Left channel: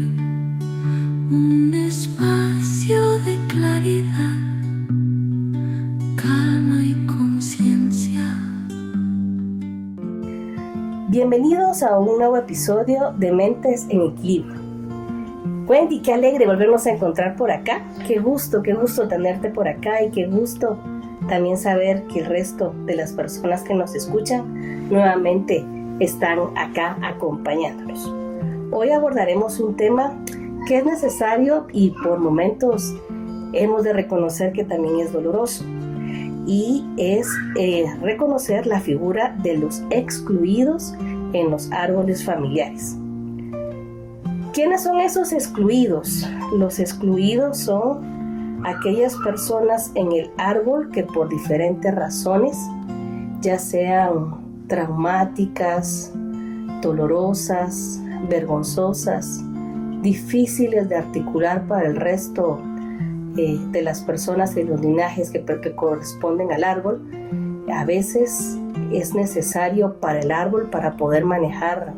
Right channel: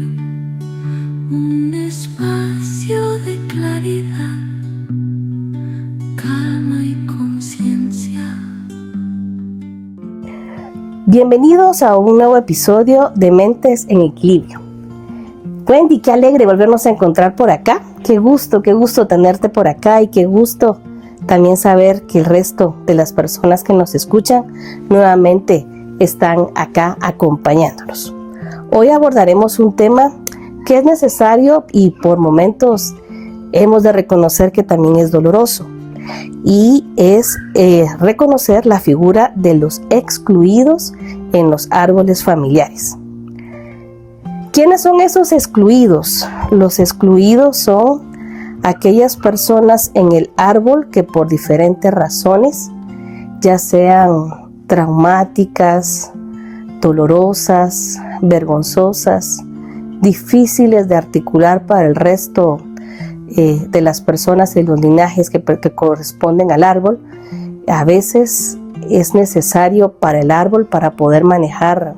un espacio de claridad, calma y conciencia. Bienvenidos a un nuevo episodio de Mentes en Equilibrio. Wendy, qué alegre volvernos a encontrar por acá. Qué gusto tenerte por acá y qué gusto también saber que el resto de las personas que nos escuchan nuevamente están acá acompañándonos. Hoy abordaremos un tema que es necesario y por momentos hemos de reconocer que también es doloroso, y es reconocer la figura de los excluidos en los árboles familiares. ¿Quiénes son esos excluidos? Los excluidos son aquellas personas en el árbol que por diferentes razones, ya sean traumáticas, dolorosas, vergonzosas, difíciles de articular para el resto de las personas de los linajes que corresponden al árbol, a veces es necesario para el árbol, para poder manejar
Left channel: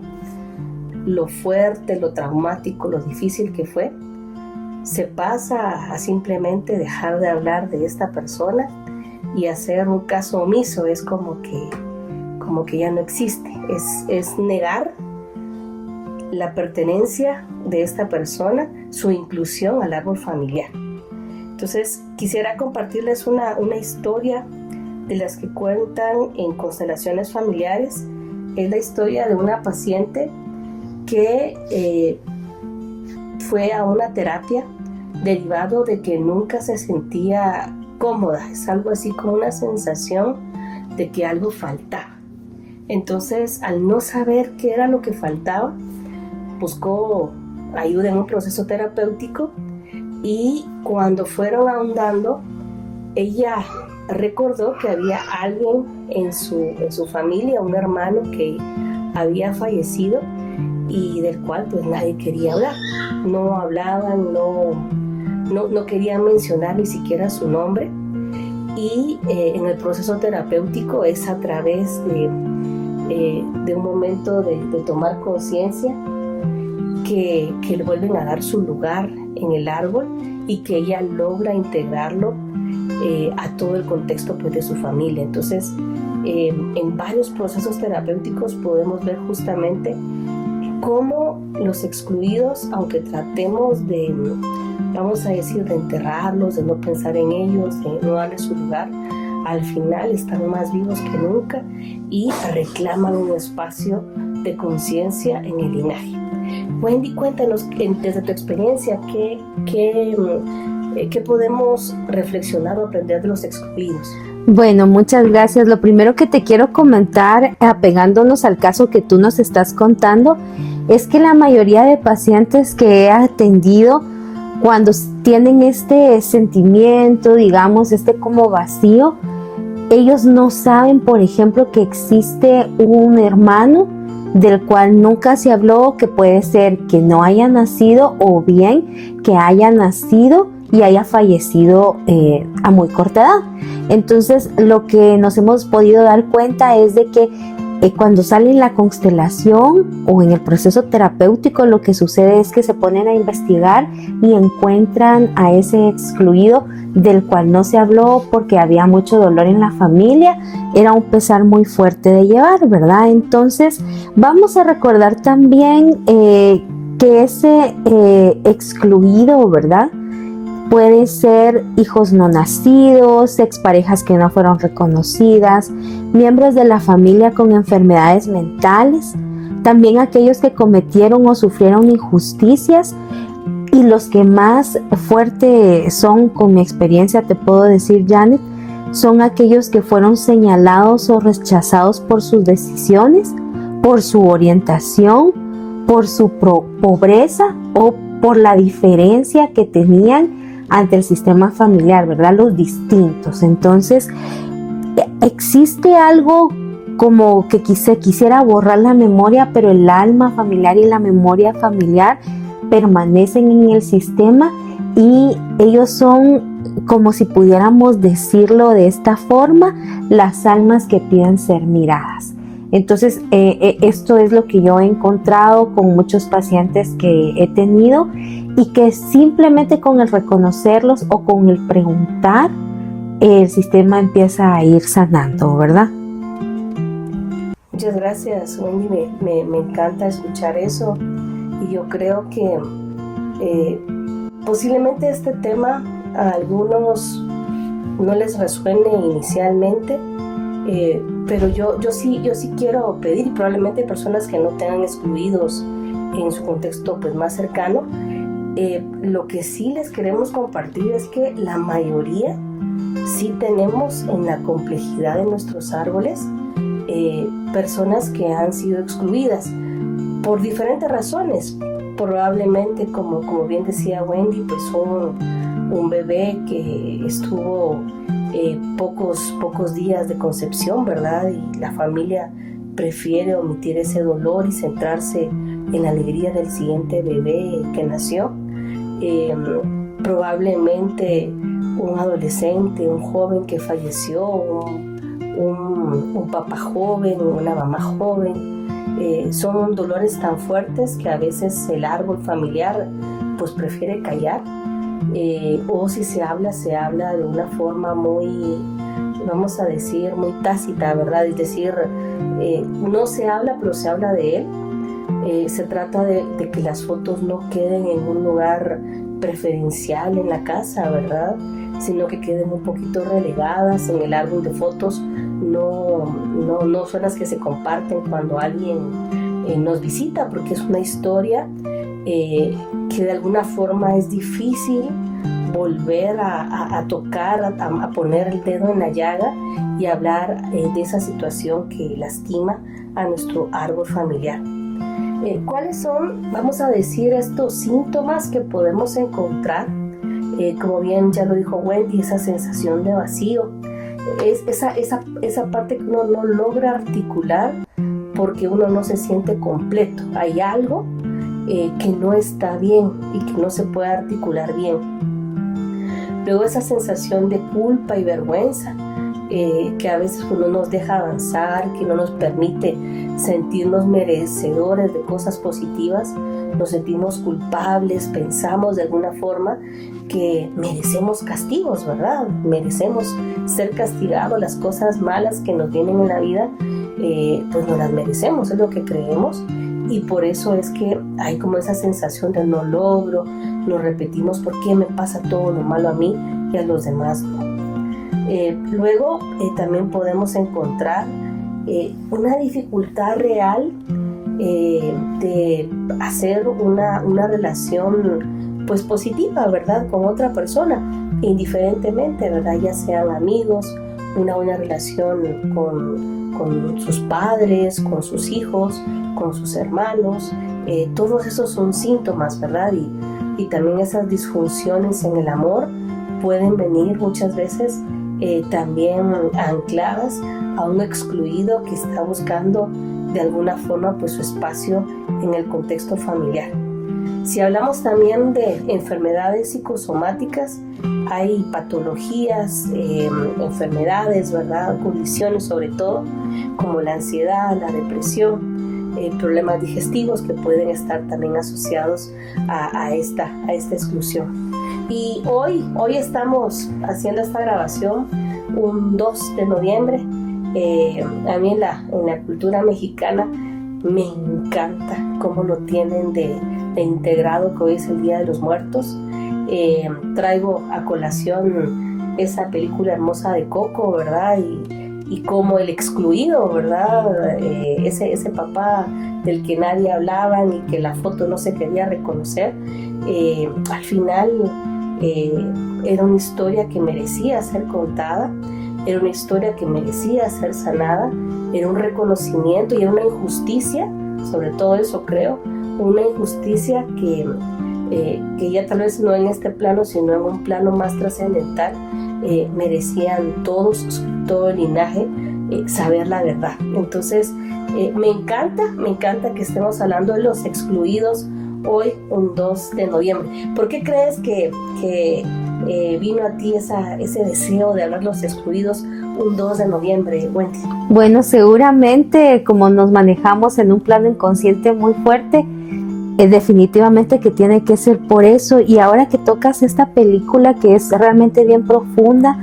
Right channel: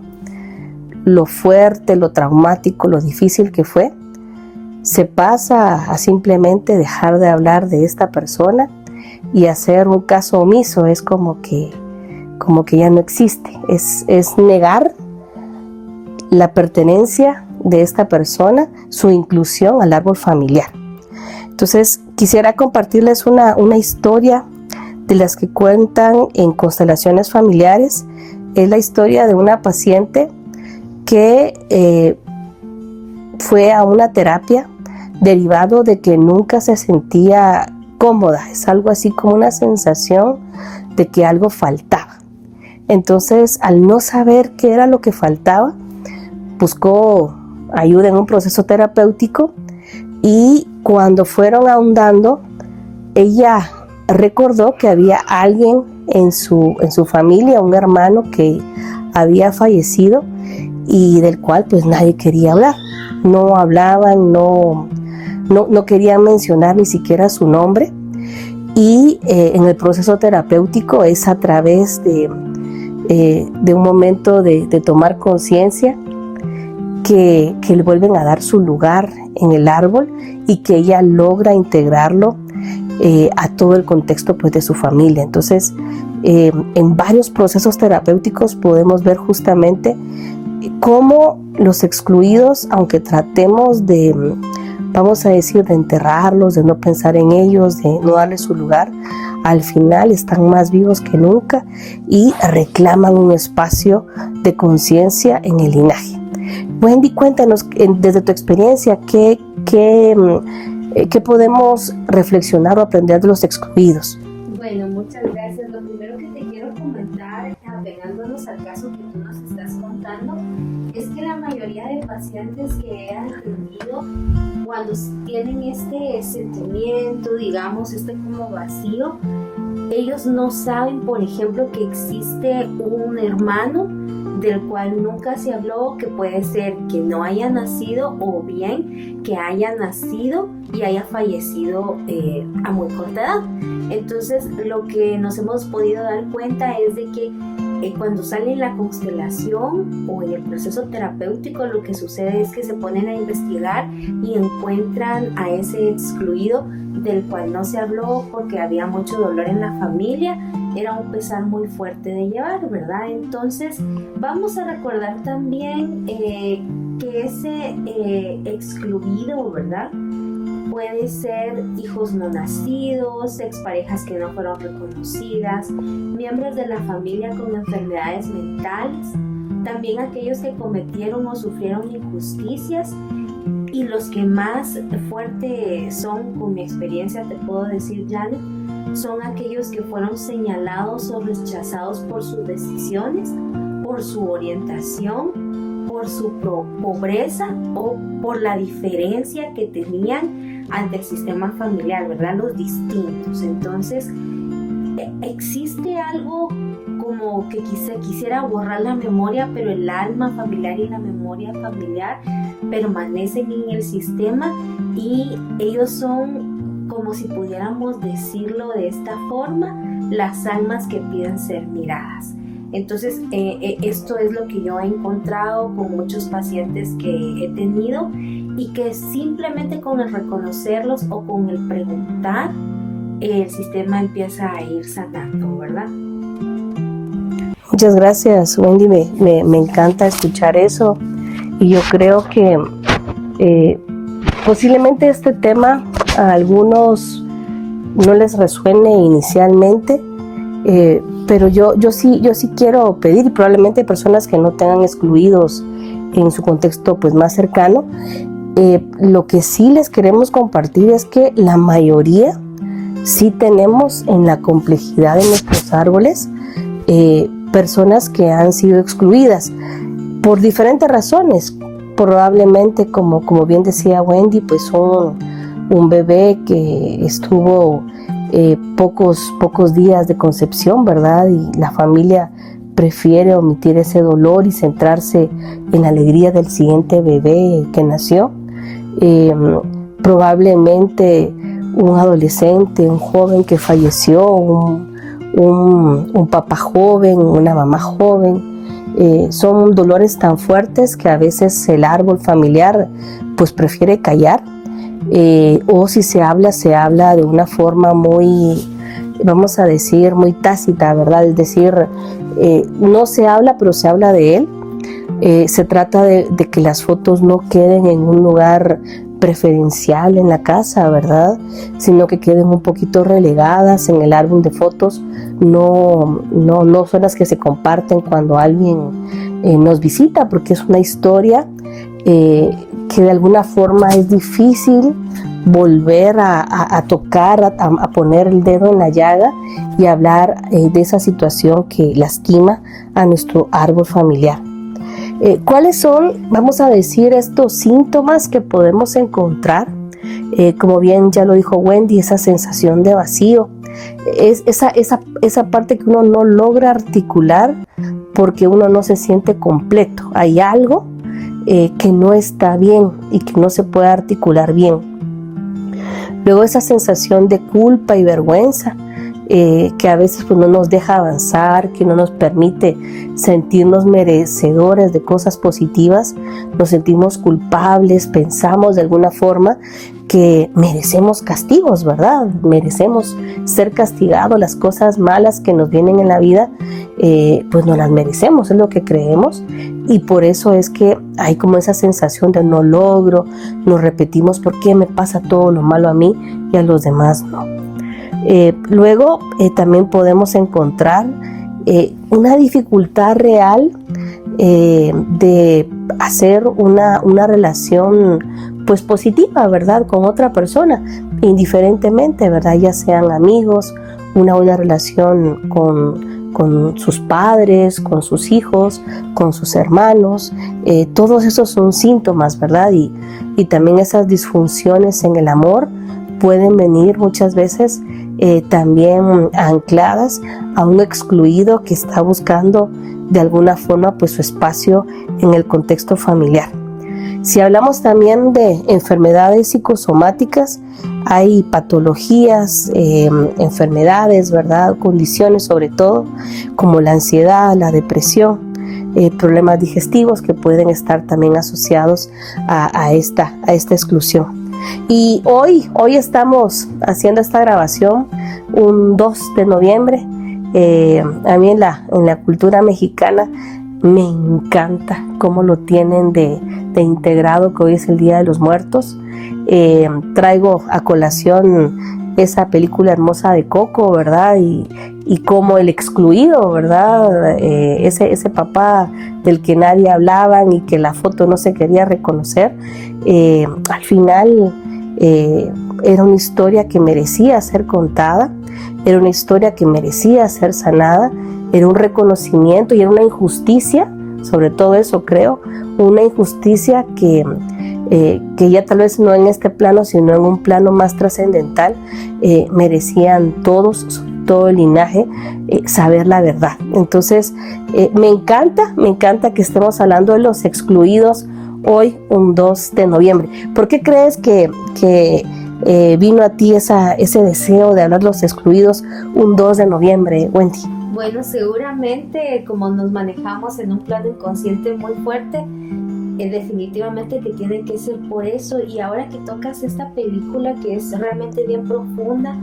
lo fuerte, lo traumático, lo difícil que fue, se pasa a simplemente dejar de hablar de esta persona y hacer un caso omiso. Es como que ya no existe, es negar la pertenencia de esta persona, su inclusión al árbol familiar. Entonces quisiera compartirles una historia de las que cuentan en constelaciones familiares. Es la historia de una paciente que fue a una terapia derivado de que nunca se sentía cómoda. Es algo así como una sensación de que algo faltaba. Entonces, al no saber qué era lo que faltaba, buscó ayuda en un proceso terapéutico, y cuando fueron ahondando, ella recordó que había alguien en su familia, un hermano que había fallecido y del cual pues nadie quería hablar. No hablaban, no querían mencionar ni siquiera su nombre, y en el proceso terapéutico es a través de un momento de tomar conciencia que le vuelven a dar su lugar en el árbol y que ella logra integrarlo a todo el contexto pues de su familia. Entonces en varios procesos terapéuticos podemos ver justamente cómo los excluidos, aunque tratemos de, vamos a decir, de enterrarlos, de no pensar en ellos, de no darles su lugar, al final están más vivos que nunca y reclaman un espacio de conciencia en el linaje. Wendy, cuéntanos desde tu experiencia qué podemos reflexionar o aprender de los excluidos. Bueno, muchas gracias. Lo primero que te quiero comentar, apegándonos al caso que tú nos estás contando, es que la mayoría de pacientes que he atendido, cuando tienen este sentimiento, digamos, como vacío, ellos no saben, por ejemplo, que existe un hermano del cual nunca se habló, que puede ser que no haya nacido o bien que haya nacido y haya fallecido a muy corta edad. Entonces, lo que nos hemos podido dar cuenta es de que cuando sale en la constelación o en el proceso terapéutico, lo que sucede es que se ponen a investigar y encuentran a ese excluido del cual no se habló porque había mucho dolor en la familia. Era un pesar muy fuerte de llevar, ¿verdad? Entonces, vamos a recordar también que ese excluido, ¿verdad?, puede ser hijos no nacidos, exparejas que no fueron reconocidas, miembros de la familia con enfermedades mentales, también aquellos que cometieron o sufrieron injusticias, y los que más fuerte son, con mi experiencia te puedo decir, Janet, son aquellos que fueron señalados o rechazados por sus decisiones, por su orientación, por su pobreza o por la diferencia que tenían ante el sistema familiar, ¿verdad? Los distintos. Entonces, existe algo como que quisiera borrar la memoria, pero el alma familiar y la memoria familiar permanecen en el sistema, y ellos son, como si pudiéramos decirlo de esta forma, las almas que piden ser miradas. Entonces, esto es lo que yo he encontrado con muchos pacientes que he tenido y que simplemente con el reconocerlos o con el preguntar, el sistema empieza a ir sanando, ¿verdad? Muchas gracias, Wendy. Me encanta escuchar eso. Y yo creo que posiblemente este tema a algunos no les resuene inicialmente, pero yo sí quiero pedir, y probablemente personas que no tengan excluidos en su contexto pues más cercano, lo que sí les queremos compartir es que la mayoría sí tenemos en la complejidad de nuestros árboles personas que han sido excluidas por diferentes razones. Probablemente, como bien decía Wendy, pues un bebé que estuvo pocos días de concepción, ¿verdad? Y la familia prefiere omitir ese dolor y centrarse en la alegría del siguiente bebé que nació. Probablemente un adolescente, un joven que falleció, un papá joven, una mamá joven. Son dolores tan fuertes que a veces el árbol familiar pues prefiere callar, o si se habla de una forma muy, vamos a decir, muy tácita, ¿verdad? Es decir, no se habla, pero se habla de él. Se trata de que las fotos no queden en un lugar preferencial en la casa, ¿verdad? Sino que queden un poquito relegadas en el álbum de fotos. No son las que se comparten cuando alguien nos visita, porque es una historia que de alguna forma es difícil volver a tocar, a poner el dedo en la llaga y hablar de esa situación que lastima a nuestro árbol familiar. ¿Cuáles son, vamos a decir, estos síntomas que podemos encontrar? Como bien ya lo dijo Wendy, esa sensación de vacío, es esa parte que uno no logra articular porque uno no se siente completo. Hay algo que no está bien y que no se puede articular bien. Luego esa sensación de culpa y vergüenza, que a veces no nos deja avanzar, que no nos permite sentirnos merecedores de cosas positivas. Nos sentimos culpables, pensamos de alguna forma que merecemos castigos, ¿verdad? Merecemos ser castigados, las cosas malas que nos vienen en la vida, pues no las merecemos, es lo que creemos. Y por eso es que hay como esa sensación de no logro, nos repetimos, ¿por qué me pasa todo lo malo a mí y a los demás no? Luego también podemos encontrar una dificultad real de hacer una relación pues positiva, ¿verdad? Con otra persona, indiferentemente, ¿verdad? Ya sean amigos, una buena relación con sus padres, con sus hijos, con sus hermanos. Todos esos son síntomas, ¿verdad? Y también esas disfunciones en el amor pueden venir muchas veces también ancladas a un excluido que está buscando de alguna forma pues su espacio en el contexto familiar. Si hablamos también de enfermedades psicosomáticas, hay patologías, enfermedades, ¿verdad? Condiciones sobre todo, como la ansiedad, la depresión, problemas digestivos que pueden estar también asociados a esta exclusión. Y hoy estamos haciendo esta grabación un 2 de noviembre. A mí en la cultura mexicana me encanta cómo lo tienen de integrado, que hoy es el Día de los Muertos. Traigo a colación esa película hermosa de Coco, ¿verdad? Y como el excluido, ¿verdad? Ese papá del que nadie hablaba y que la foto no se quería reconocer, al final era una historia que merecía ser contada, era una historia que merecía ser sanada, era un reconocimiento y era una injusticia, sobre todo eso creo, una injusticia que ya tal vez no en este plano, sino en un plano más trascendental, merecían todos, todo el linaje, saber la verdad. Entonces, me encanta que estemos hablando de los excluidos hoy, un 2 de noviembre. ¿Por qué crees que vino a ti ese deseo de hablar los excluidos un 2 de noviembre, Wendy? Bueno, seguramente como nos manejamos en un plano inconsciente muy fuerte, definitivamente que tiene que ser por eso. Y ahora que tocas esta película que es realmente bien profunda,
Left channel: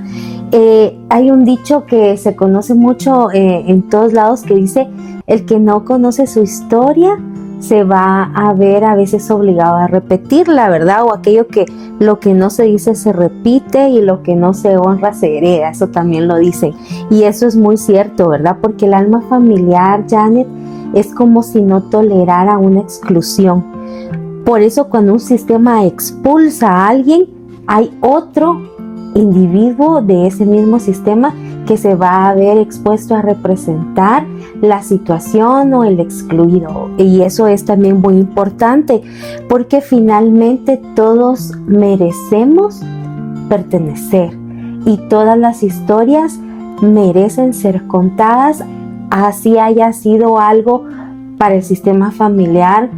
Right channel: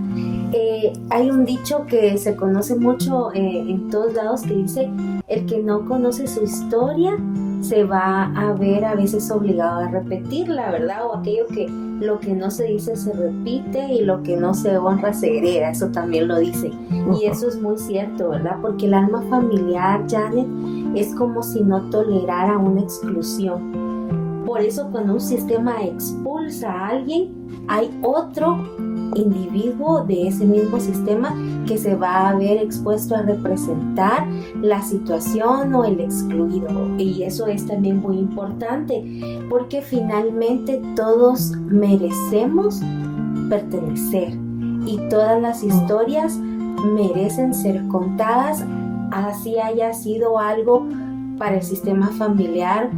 hay un dicho que se conoce mucho en todos lados que dice: el que no conoce su historia se va a ver a veces obligado a repetirla, ¿verdad? O aquello que lo que no se dice se repite y lo que no se honra se hereda, eso también lo dicen. Y eso es muy cierto, ¿verdad? Porque el alma familiar, Janet, es como si no tolerara una exclusión. Por eso cuando un sistema expulsa a alguien, hay otro individuo de ese mismo sistema que se va a ver expuesto a representar la situación o el excluido. Y eso es también muy importante, porque finalmente todos merecemos pertenecer y todas las historias merecen ser contadas, así haya sido algo para el sistema familiar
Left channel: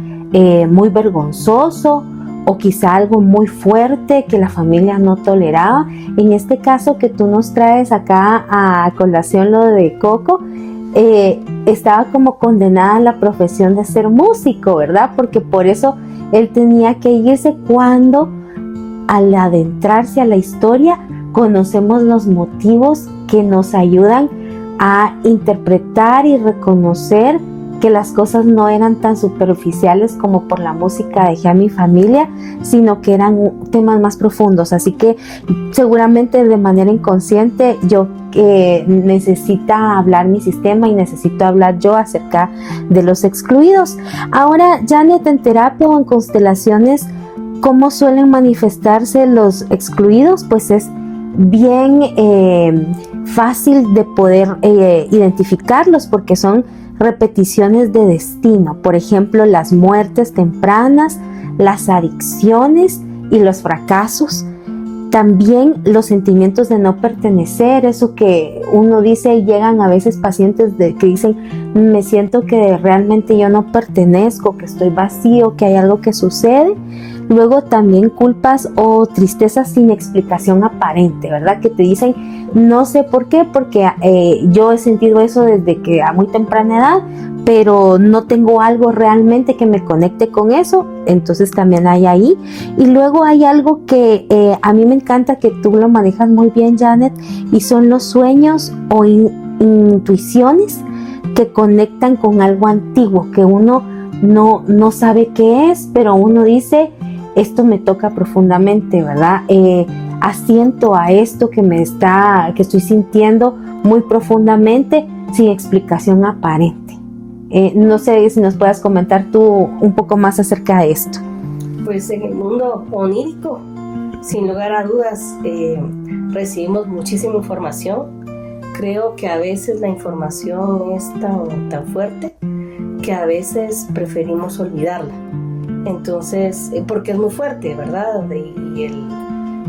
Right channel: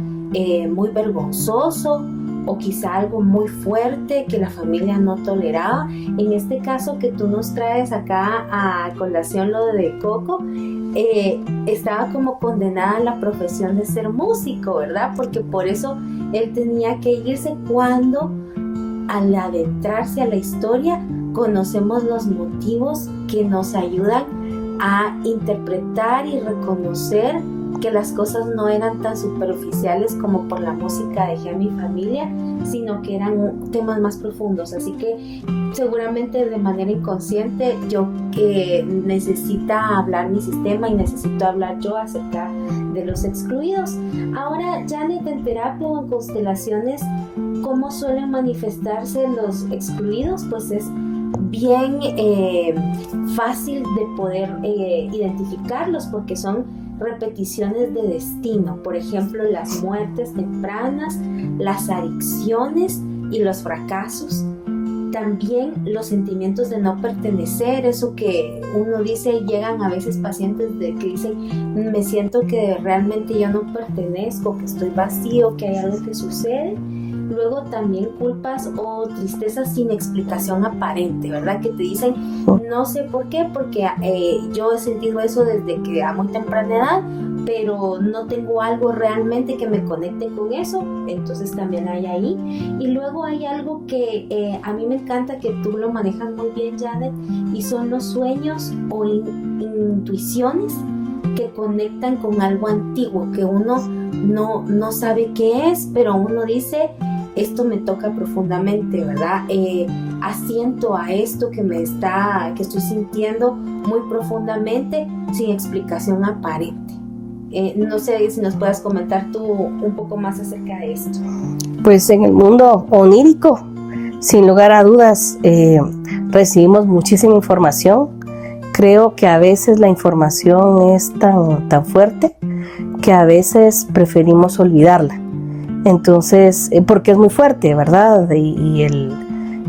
muy vergonzoso, o quizá algo muy fuerte que la familia no toleraba. En este caso que tú nos traes acá a colación, lo de Coco, estaba como condenada a la profesión de ser músico, ¿verdad? Porque por eso él tenía que irse, cuando al adentrarse a la historia conocemos los motivos que nos ayudan a interpretar y reconocer que las cosas no eran tan superficiales como por la música dejé a mi familia, sino que eran temas más profundos. Así que seguramente de manera inconsciente yo necesita hablar mi sistema y necesito hablar yo acerca de los excluidos. Ahora, Janet, en terapia o en constelaciones, ¿cómo suelen manifestarse los excluidos? Pues es bien fácil de poder identificarlos, porque son repeticiones de destino. Por ejemplo, las muertes tempranas, las adicciones y los fracasos. También los sentimientos de no pertenecer, eso que uno dice, llegan a veces pacientes que dicen: me siento que realmente yo no pertenezco, que estoy vacío, que hay algo que sucede. Luego también culpas o tristezas sin explicación aparente, ¿verdad? Que te dicen, no sé por qué, porque yo he sentido eso desde que a muy temprana edad, pero no tengo algo realmente que me conecte con eso. Entonces también hay ahí. Y luego hay algo que a mí me encanta, que tú lo manejas muy bien, Janet, y son los sueños o intuiciones que conectan con algo antiguo, que uno no sabe qué es, pero uno dice: esto me toca profundamente, ¿verdad? Asiento a esto que estoy sintiendo muy profundamente, sin explicación aparente. No sé si nos puedas comentar tú un poco más acerca de esto. Pues en el mundo onírico, sin lugar a dudas, recibimos muchísima información. Creo que a veces la información es tan fuerte que a veces preferimos olvidarla. Entonces, porque es muy fuerte, ¿verdad? Y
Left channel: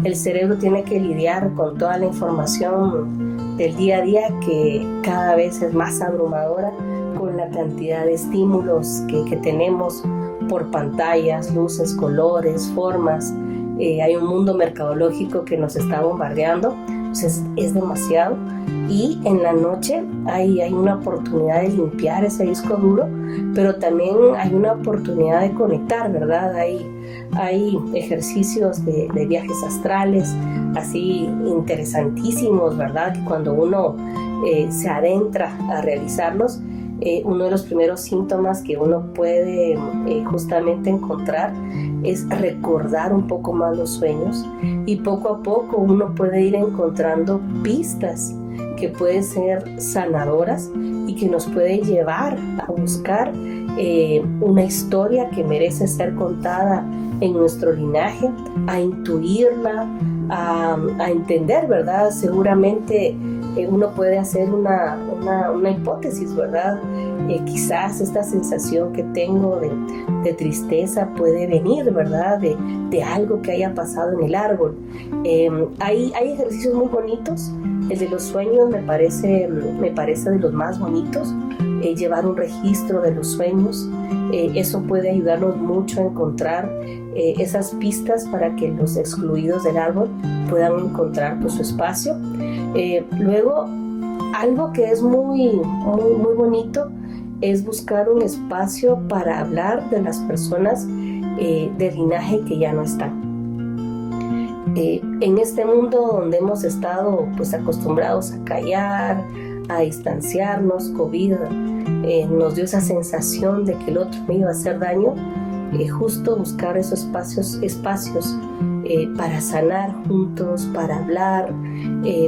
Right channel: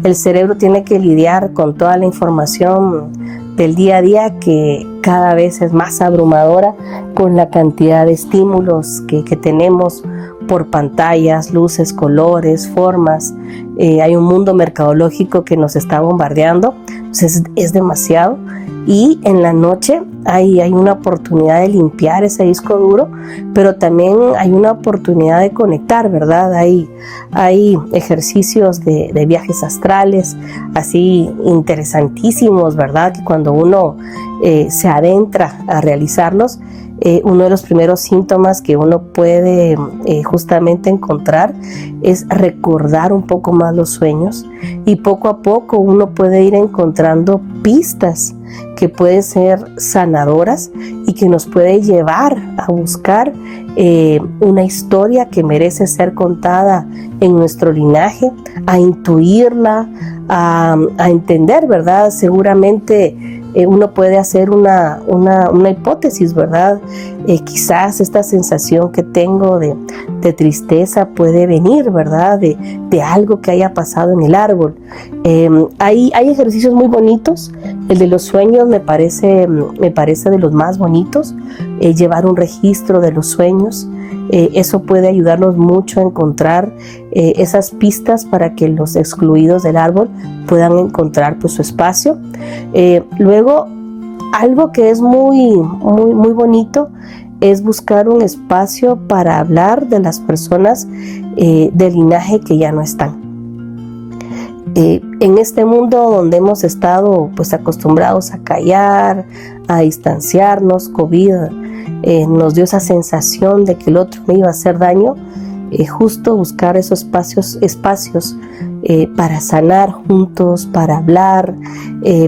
el cerebro tiene que lidiar con toda la información del día a día, que cada vez es más abrumadora con la cantidad de estímulos que tenemos por pantallas, luces, colores, formas. Hay un mundo mercadológico que nos está bombardeando, entonces es demasiado. Y en la noche hay una oportunidad de limpiar ese disco duro, pero también hay una oportunidad de conectar, ¿verdad? Hay ejercicios de viajes astrales, así interesantísimos, ¿verdad? Que cuando uno se adentra a realizarlos, uno de los primeros síntomas que uno puede justamente encontrar es recordar un poco más los sueños, y poco a poco uno puede ir encontrando pistas que pueden ser sanadoras y que nos puede llevar a buscar una historia que merece ser contada en nuestro linaje, a intuirla, a entender, ¿verdad? Seguramente uno puede hacer una hipótesis, ¿verdad? Quizás esta sensación que tengo de tristeza puede venir, ¿verdad? De algo que haya pasado en el árbol. Hay ejercicios muy bonitos El de los sueños me parece de los más bonitos, llevar un registro de los sueños. Eso puede ayudarnos mucho a encontrar esas pistas para que los excluidos del árbol puedan encontrar pues, su espacio. Luego, algo que es muy bonito es buscar un espacio para hablar de las personas del linaje que ya no están. En este mundo donde hemos estado pues acostumbrados a callar, a distanciarnos, COVID nos dio esa sensación de que el otro me iba a hacer daño, justo buscar esos espacios para sanar juntos, para hablar,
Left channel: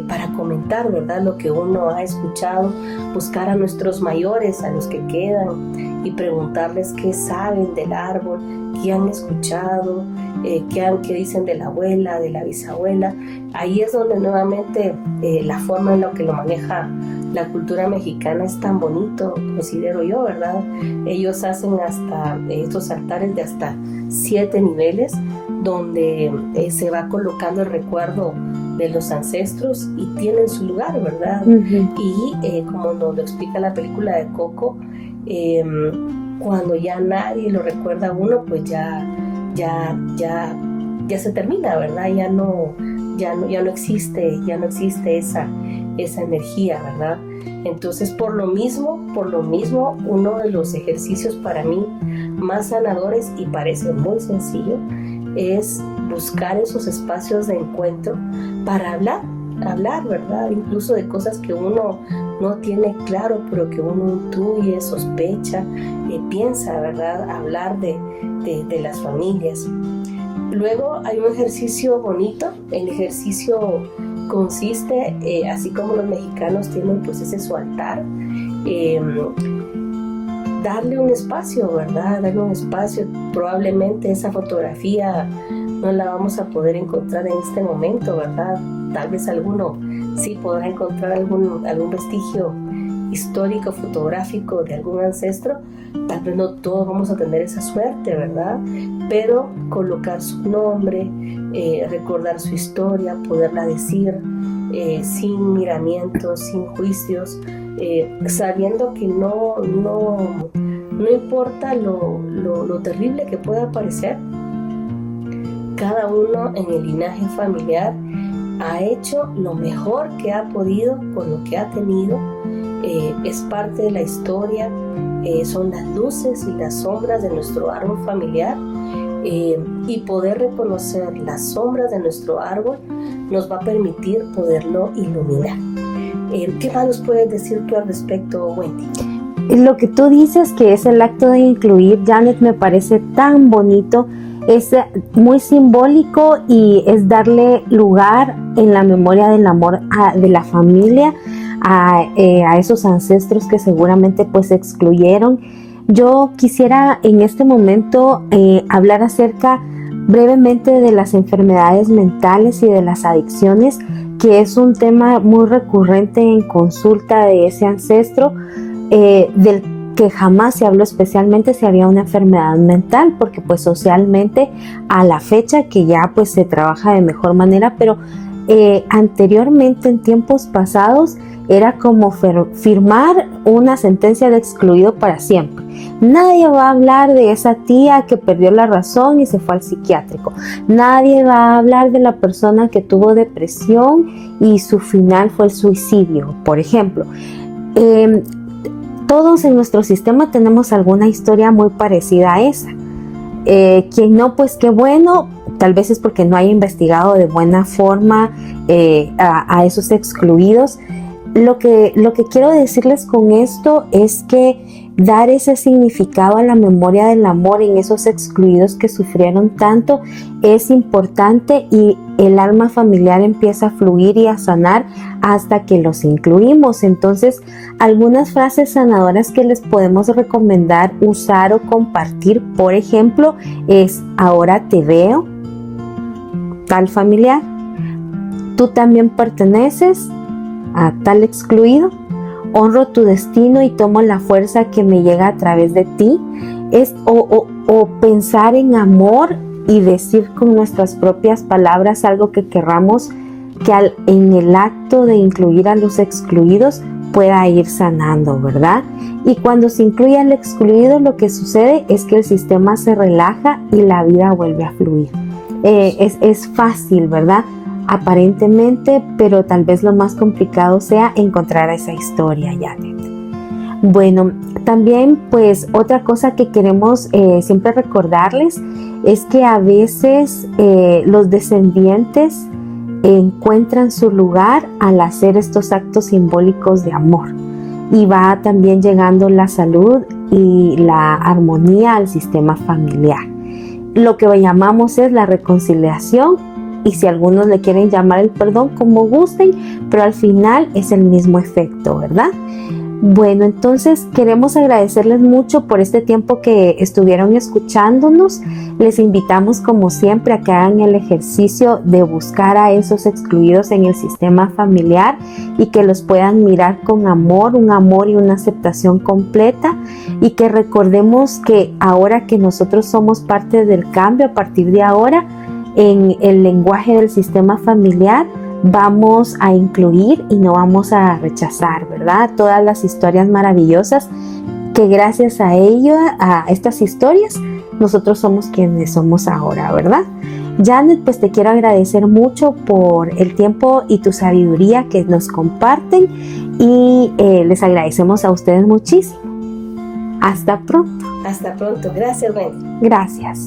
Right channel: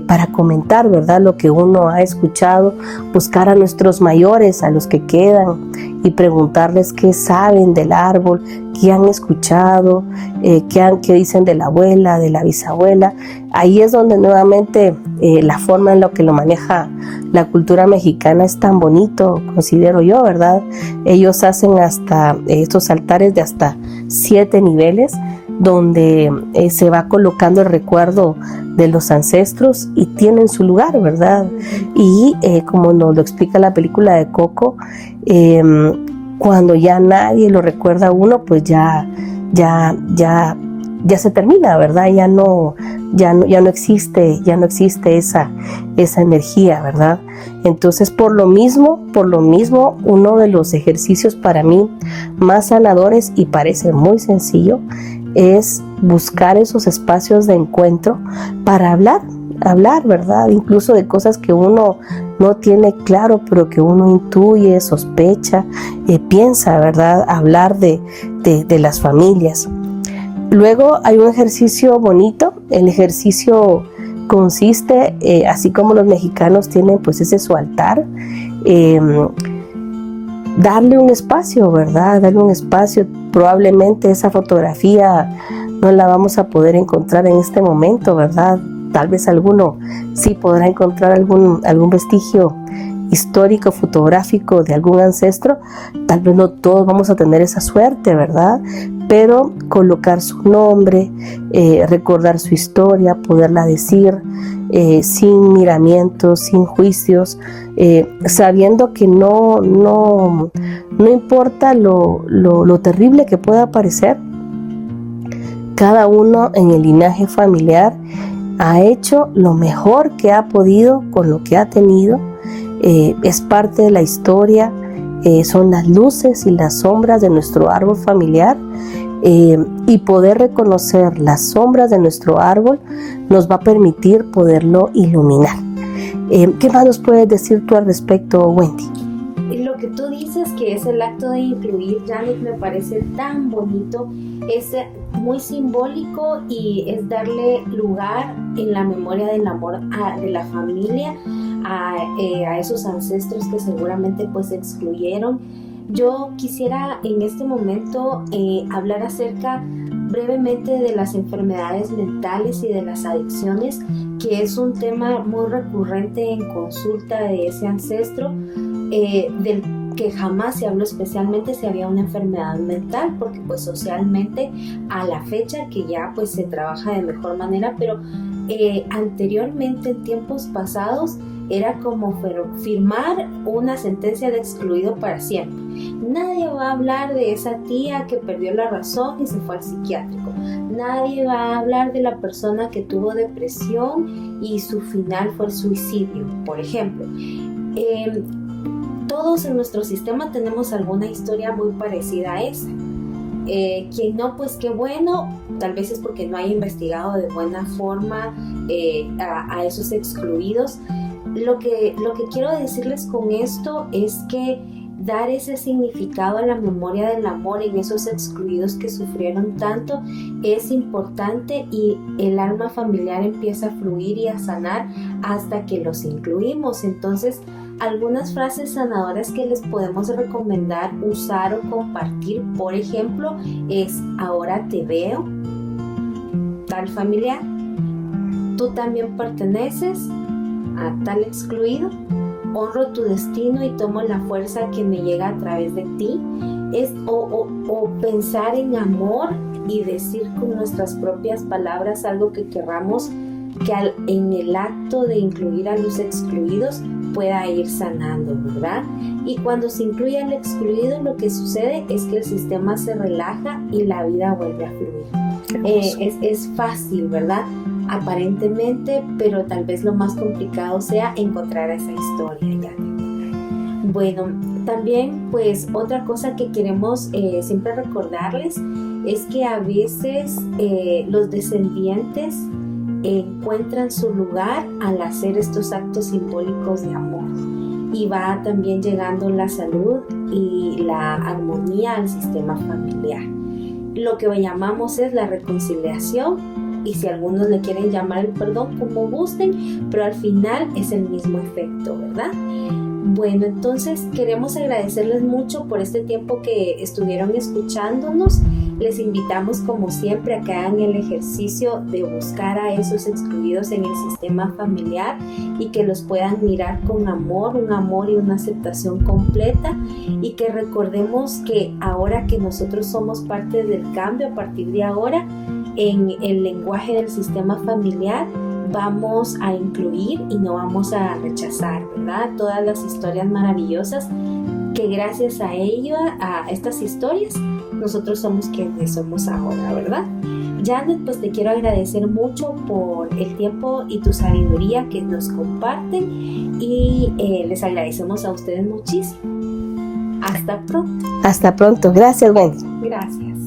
para comentar, ¿verdad? Lo que uno ha escuchado, buscar a nuestros mayores, a los que quedan, y preguntarles qué saben del árbol, qué han escuchado, qué dicen de la abuela, de la bisabuela. Ahí es donde nuevamente la forma en la que lo maneja la cultura mexicana es tan bonito, considero yo, ¿verdad? Ellos hacen hasta estos altares de hasta 7 niveles, donde se va colocando el recuerdo de los ancestros y tienen su lugar, ¿verdad? Uh-huh. Y como nos lo explica la película de Coco, cuando ya nadie lo recuerda a uno, pues ya se termina, ¿verdad? Ya no existe esa energía, ¿verdad? Entonces, por lo mismo, uno de los ejercicios para mí más sanadores, y parece muy sencillo, es buscar esos espacios de encuentro para hablar, ¿verdad? Incluso de cosas que uno no tiene claro, pero que uno intuye, sospecha, piensa, ¿verdad? Hablar de las familias. Luego hay un ejercicio bonito. El ejercicio consiste, así como los mexicanos tienen pues ese su altar, darle un espacio, ¿verdad? Darle un espacio. Probablemente esa fotografía no la vamos a poder encontrar en este momento, ¿verdad? Tal vez alguno sí podrá encontrar algún vestigio histórico, fotográfico de algún ancestro. Tal vez no todos vamos a tener esa suerte, ¿verdad? Pero colocar su nombre, recordar su historia, poderla decir sin miramientos, sin juicios, sabiendo que no importa lo terrible que pueda parecer. Cada uno en el linaje familiar ha hecho lo mejor que ha podido con lo que ha tenido. Es parte de la historia, son las luces y las sombras de nuestro árbol familiar, y poder reconocer las sombras de nuestro árbol nos va a permitir poderlo iluminar. ¿Qué más nos puedes decir tú al respecto, Wendy? Lo que tú dices que es el acto de incluir, Janet, me parece tan bonito. Es muy simbólico y es darle lugar en la memoria del amor de la familia a esos ancestros que seguramente pues excluyeron. Yo quisiera en este momento hablar acerca brevemente de las enfermedades mentales y de las adicciones, que es un tema muy recurrente en consulta de ese ancestro, del que jamás se habló especialmente si había una enfermedad mental, porque pues socialmente a la fecha que ya pues se trabaja de mejor manera, pero anteriormente en tiempos pasados era como firmar una sentencia de excluido para siempre. Nadie va a hablar de esa tía que perdió la razón y se fue al psiquiátrico. Nadie va a hablar de la persona que tuvo depresión y su final fue el suicidio, por ejemplo. Todos en nuestro sistema tenemos alguna historia muy parecida a esa. Quien no, pues qué bueno, tal vez es porque no haya investigado de buena forma a esos excluidos. Lo que quiero decirles con esto es que dar ese significado a la memoria del amor en esos excluidos que sufrieron tanto es importante, y el alma familiar empieza a fluir y a sanar hasta que los incluimos. Entonces, algunas frases sanadoras que les podemos recomendar usar o compartir, por ejemplo, es: ahora te veo, tal familiar, tú también perteneces a tal excluido, honro tu destino y tomo la fuerza que me llega a través de ti. O pensar en amor y decir con nuestras propias palabras algo que querramos en el acto de incluir a los excluidos pueda ir sanando, ¿verdad? Y cuando se incluye al excluido, lo que sucede es que el sistema se relaja y la vida vuelve a fluir. Es fácil, ¿verdad? Aparentemente, pero tal vez lo más complicado sea encontrar esa historia, Janet. Bueno, también pues otra cosa que queremos siempre recordarles es que a veces los descendientes encuentran su lugar al hacer estos actos simbólicos de amor, y va también llegando la salud y la armonía al sistema familiar. Lo que llamamos es la reconciliación, y si algunos le quieren llamar el perdón, como gusten, pero al final es el mismo efecto, ¿verdad? Bueno, entonces queremos agradecerles mucho por este tiempo que estuvieron escuchándonos. Les invitamos como siempre a que hagan el ejercicio de buscar a esos excluidos en el sistema familiar y que los puedan mirar con amor, un amor y una aceptación completa, y que recordemos que ahora que nosotros somos parte del cambio, a partir de ahora, en el lenguaje del sistema familiar, vamos a incluir y no vamos a rechazar, ¿verdad? Todas las historias maravillosas que gracias a ello, a estas historias, nosotros somos quienes somos ahora, ¿verdad? Janet, pues te quiero agradecer mucho por el tiempo y tu sabiduría que nos comparten, y les agradecemos a ustedes muchísimo. Hasta pronto. Hasta pronto. Gracias, Wendy. Gracias.